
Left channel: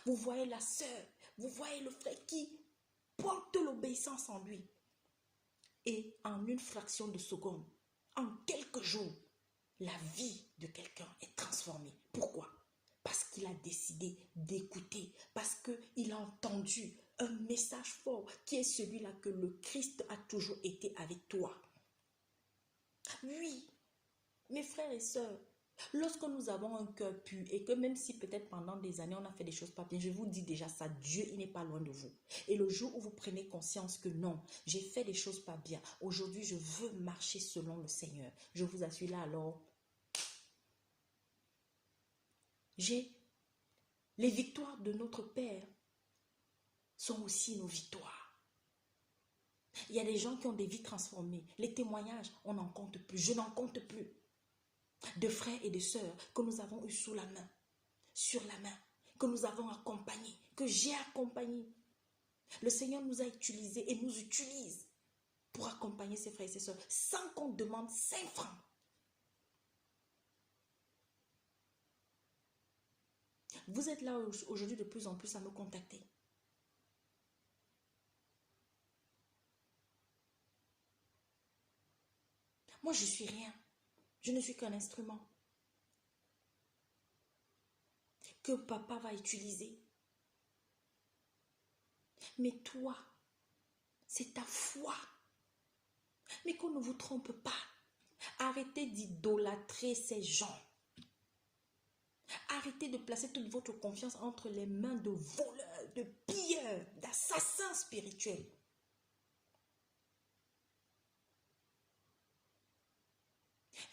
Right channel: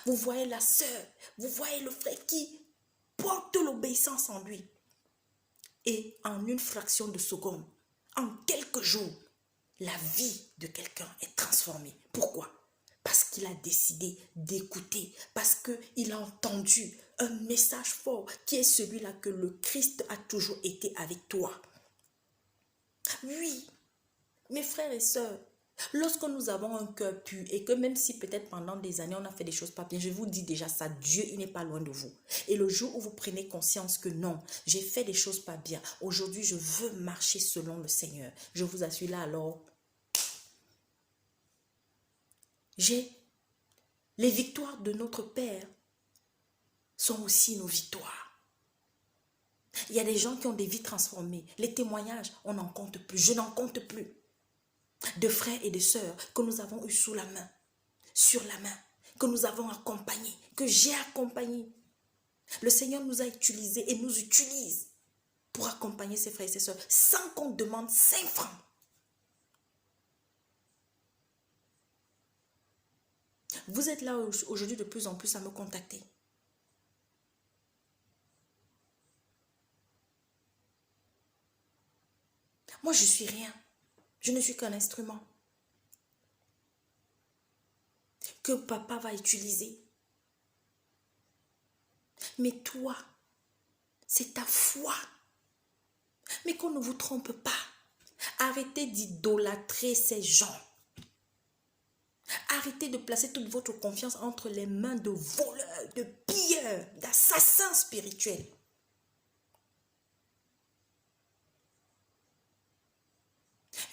Vous voyez la sœur, vous voyez le frère qui porte l'obéissance en lui. Et en une fraction de seconde, en quelques jours, la vie de quelqu'un est transformée. Pourquoi? Parce qu'il a décidé d'écouter, parce qu'il a entendu un message fort qui est celui-là que le Christ a toujours été avec toi. Oui, mes frères et sœurs, lorsque nous avons un cœur pur et que même si peut-être pendant des années on a fait des choses pas bien, je vous dis déjà ça, Dieu il n'est pas loin de vous. Et le jour où vous prenez conscience que non, j'ai fait des choses pas bien, aujourd'hui je veux marcher selon le Seigneur, je vous assure là alors, les victoires de notre Père sont aussi nos victoires. Il y a des gens qui ont des vies transformées. Les témoignages, on n'en compte plus. Je n'en compte plus. De frères et de sœurs que nous avons eu sous la main, sur la main, que nous avons accompagnés, que j'ai accompagnés. Le Seigneur nous a utilisés et nous utilise pour accompagner ses frères et ses sœurs sans qu'on demande 5 francs. Vous êtes là aujourd'hui de plus en plus à me contacter. Moi, je ne suis rien. Je ne suis qu'un instrument. que papa va utiliser. Mais toi, c'est ta foi. Mais qu'on ne vous trompe pas. Arrêtez d'idolâtrer ces gens. Arrêtez de placer toute votre confiance entre les mains de voleurs, de pilleurs, d'assassins spirituels.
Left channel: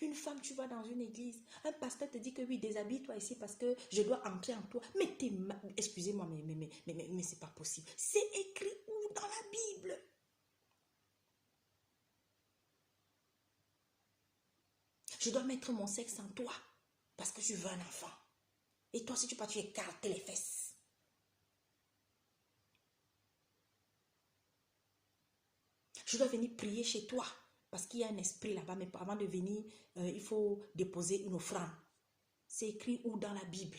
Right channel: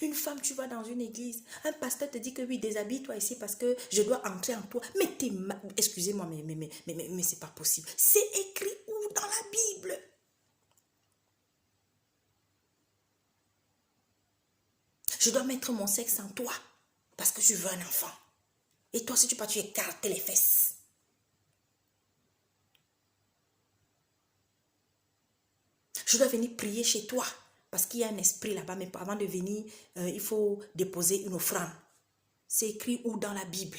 Une femme, tu vas dans une église, un pasteur te dit que oui, déshabille-toi ici parce que je dois entrer en toi. Mais excusez-moi, mais c'est pas possible. C'est écrit où dans la Bible? Je dois mettre mon sexe en toi parce que je veux un enfant. Et toi, si tu pars, tu écartes les fesses. Je dois venir prier chez toi parce qu'il y a un esprit là-bas. Mais avant de venir, il faut déposer une offrande. C'est écrit où dans la Bible?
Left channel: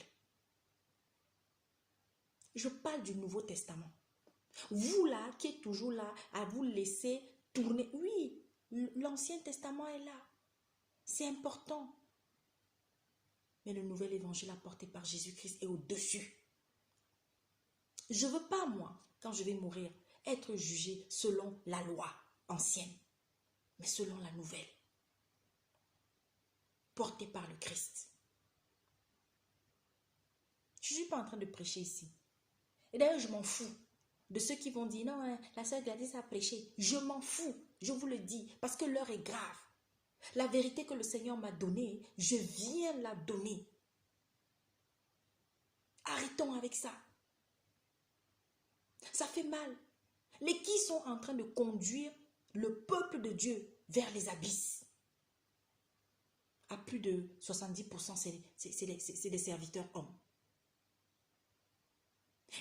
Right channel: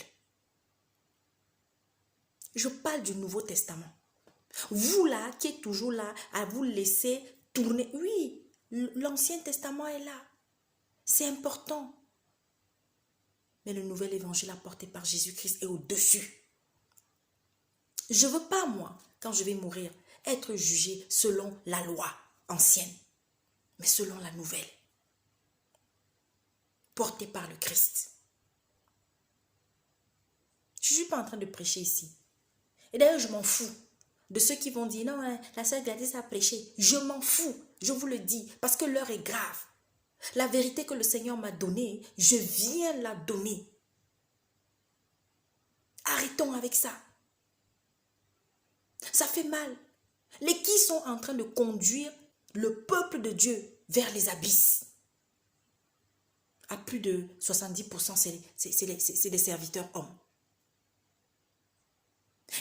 Je parle du Nouveau Testament. Vous là, qui êtes toujours là, à vous laisser tourner. Oui, l'Ancien Testament est là. C'est important. Mais le nouvel évangile apporté par Jésus-Christ est au-dessus. Je ne veux pas, moi, quand je vais mourir, être jugé selon la loi ancienne, mais selon la nouvelle, portée par le Christ. Je ne suis pas en train de prêcher ici. Et d'ailleurs, je m'en fous de ceux qui vont dire, non, hein, la sœur Gladys a prêché. Je m'en fous, je vous le dis, parce que l'heure est grave. La vérité que le Seigneur m'a donnée, je viens la donner. Arrêtons avec ça. Ça fait mal. Les qui sont en train de conduire le peuple de Dieu vers les abysses. À plus de 70%, c'est des serviteurs hommes.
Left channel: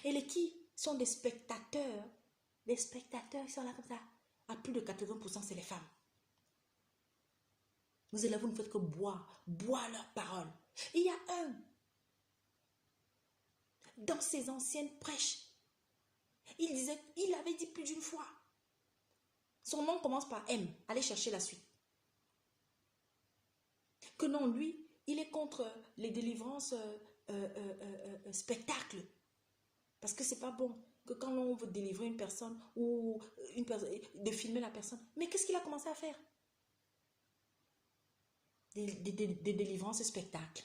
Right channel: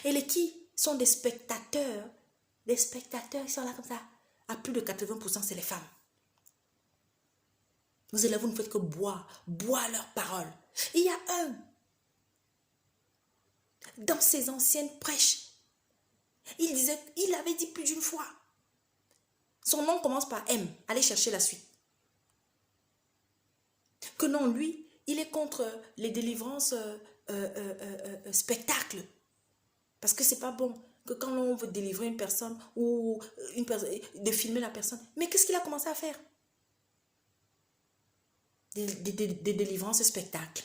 Et les qui sont des spectateurs ils sont là comme ça. À plus de 80%, c'est les femmes. Vous élèves, vous ne faites que boire leurs paroles. Il y a un, dans ses anciennes prêches, il avait dit plus d'une fois. Son nom commence par M. Allez chercher la suite. Que non, lui, il est contre les délivrances spectacles. Parce que c'est pas bon que quand on veut délivrer une personne ou de filmer la personne. Mais qu'est-ce qu'il a commencé à faire? Des délivrances spectacles.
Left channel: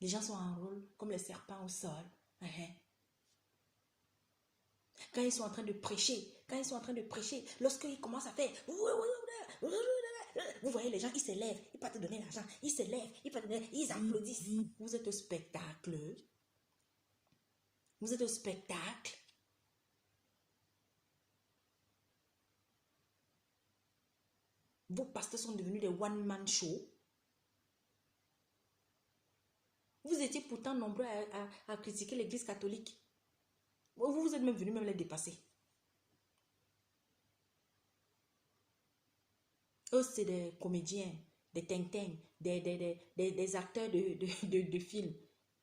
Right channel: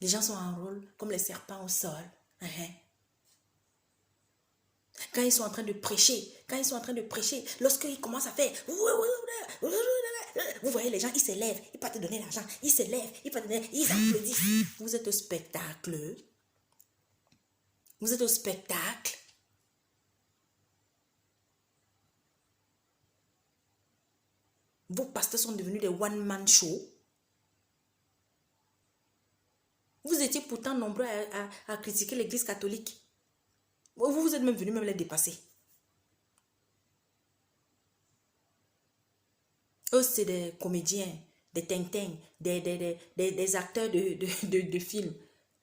Les gens sont en rôle comme les serpents au sol. Quand ils sont en train de prêcher, lorsqu'ils commencent à faire, vous voyez les gens, ils s'élèvent, ils peuvent te donner l'argent, ils s'élèvent, ils applaudissent. Vous êtes au spectacle. Vous êtes au spectacle. Vos pasteurs sont devenus des one-man show. Vous étiez pourtant nombreux à critiquer l'église catholique. Vous êtes même venus les dépasser. Eux, c'est des comédiens, des tintins, des acteurs de films.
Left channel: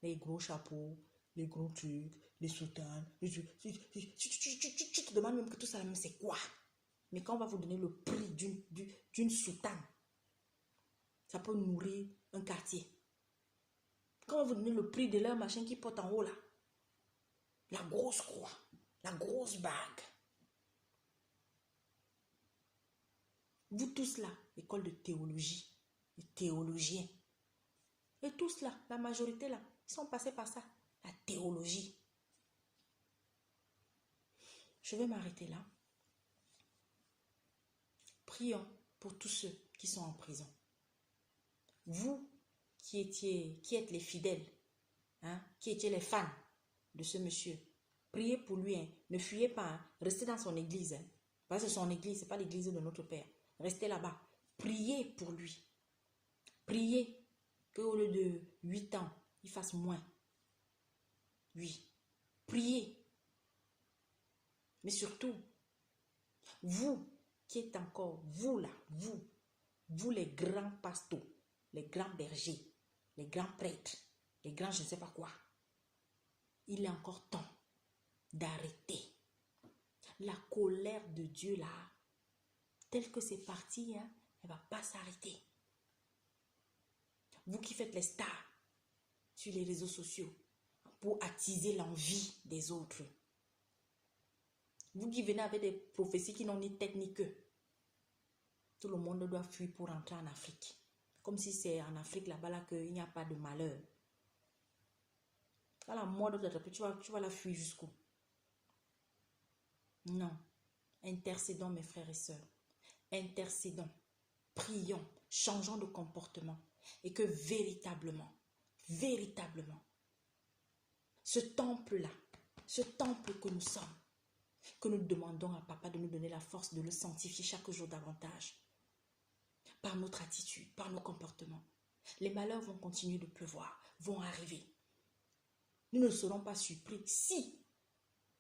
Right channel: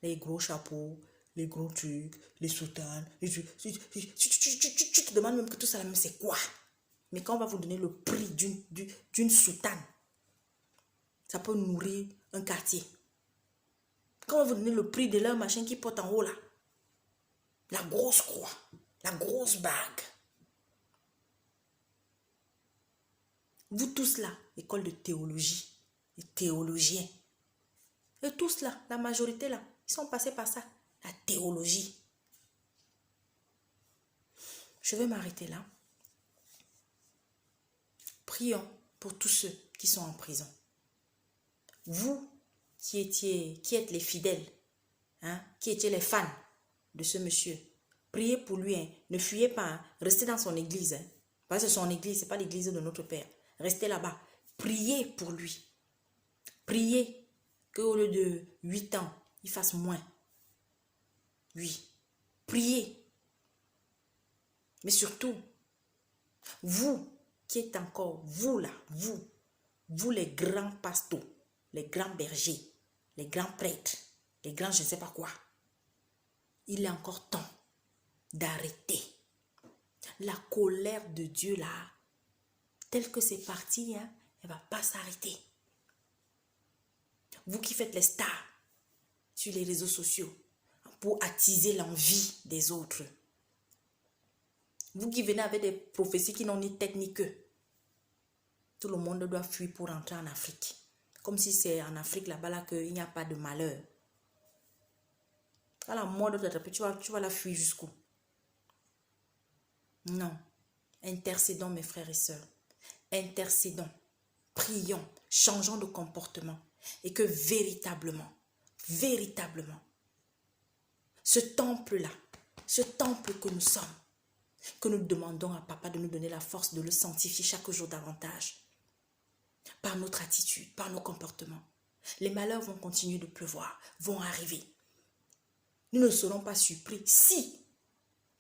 Les gros chapeaux, les gros trucs, les soutanes. Tu te demandes même que tout ça, c'est quoi? Mais quand on va vous donner le prix d'une soutane, ça peut nourrir un quartier. Quand on va vous donner le prix de leur machin qui porte en haut là, la grosse croix, la grosse bague. Vous tous là, école de théologie, les théologiens. Et tous là, la majorité là, ils sont passés par ça, la théologie. Je vais m'arrêter là. Prions pour tous ceux qui sont en prison. Vous qui êtes les fidèles, qui étiez les fans de ce monsieur, priez pour lui. Ne fuyez pas, restez dans son église. Parce que c'est son église, ce n'est pas l'église de notre Père. Restez là-bas. Priez pour lui. Priez qu'au lieu de 8 ans, il fasse moins. Oui. Priez. Mais surtout, vous qui êtes encore, vous là, vous les grands pasteurs, les grands bergers, les grands prêtres, les grands je ne sais pas quoi, il est encore temps d'arrêter. La colère de Dieu là, telle que c'est parti, elle ne va pas s'arrêter. Vous qui faites les stars sur les réseaux sociaux, pour attiser l'envie des autres. Vous qui venez avec des prophéties qui n'ont ni tête ni queue. Tout le monde doit fuir pour rentrer en Afrique. Comme si c'est en Afrique là-bas là, qu'il n'y a pas de malheur. À la mort de t'attraper, tu vas la fuir jusqu'où? Non. Intercédons mes frères et sœurs. Intercédons. Prions. Changeons de comportement. Et que véritablement, ce temple-là, ce temple que nous sommes, que nous demandons à Papa de nous donner la force de le sanctifier chaque jour davantage. Par notre attitude, par nos comportements. Les malheurs vont continuer de pleuvoir, vont arriver. Nous ne serons pas surpris si,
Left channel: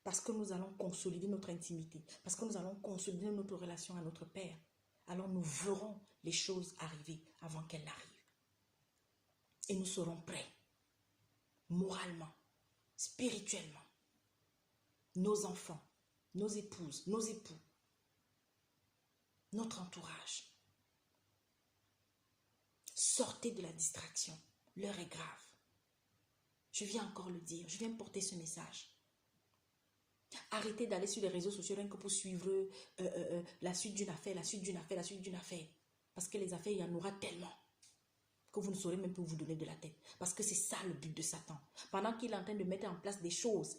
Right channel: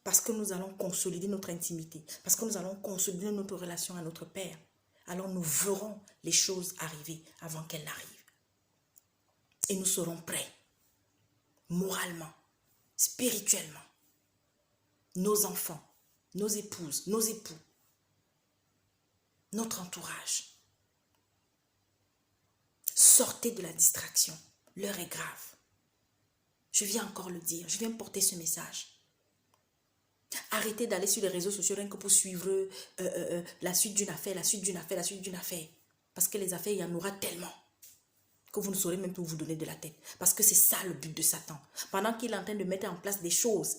parce que nous allons consolider notre intimité, parce que nous allons consolider notre relation à notre Père, alors nous verrons les choses arriver avant qu'elles n'arrivent. Et nous serons prêts, moralement, spirituellement. Nos enfants, nos épouses, nos époux, notre entourage. Sortez de la distraction. L'heure est grave. Je viens encore le dire. Je viens porter ce message. Arrêtez d'aller sur les réseaux sociaux rien que pour suivre la suite d'une affaire, la suite d'une affaire, la suite d'une affaire. Parce que les affaires, il y en aura tellement que vous ne saurez même plus vous donner de la tête. Parce que c'est ça le but de Satan. Pendant qu'il est en train de mettre en place des choses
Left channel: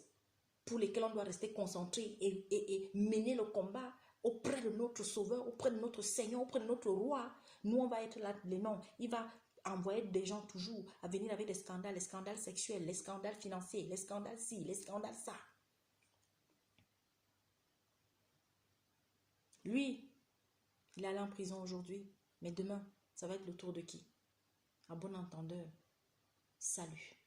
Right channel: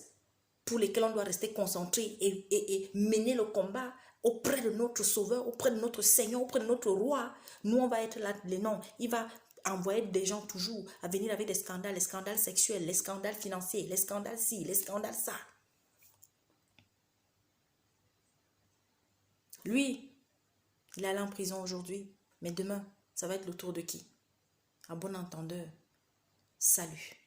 pour lesquelles on doit rester concentré et mener le combat auprès de notre Sauveur, auprès de notre Seigneur, auprès de notre Roi. Nous, on va être là, les noms. Il va envoyer des gens toujours à venir avec des scandales, les scandales sexuels, les scandales financiers, les scandales ci, les scandales ça. Lui, il est allé en prison aujourd'hui, mais demain, ça va être le tour de qui? À bon entendeur, salut.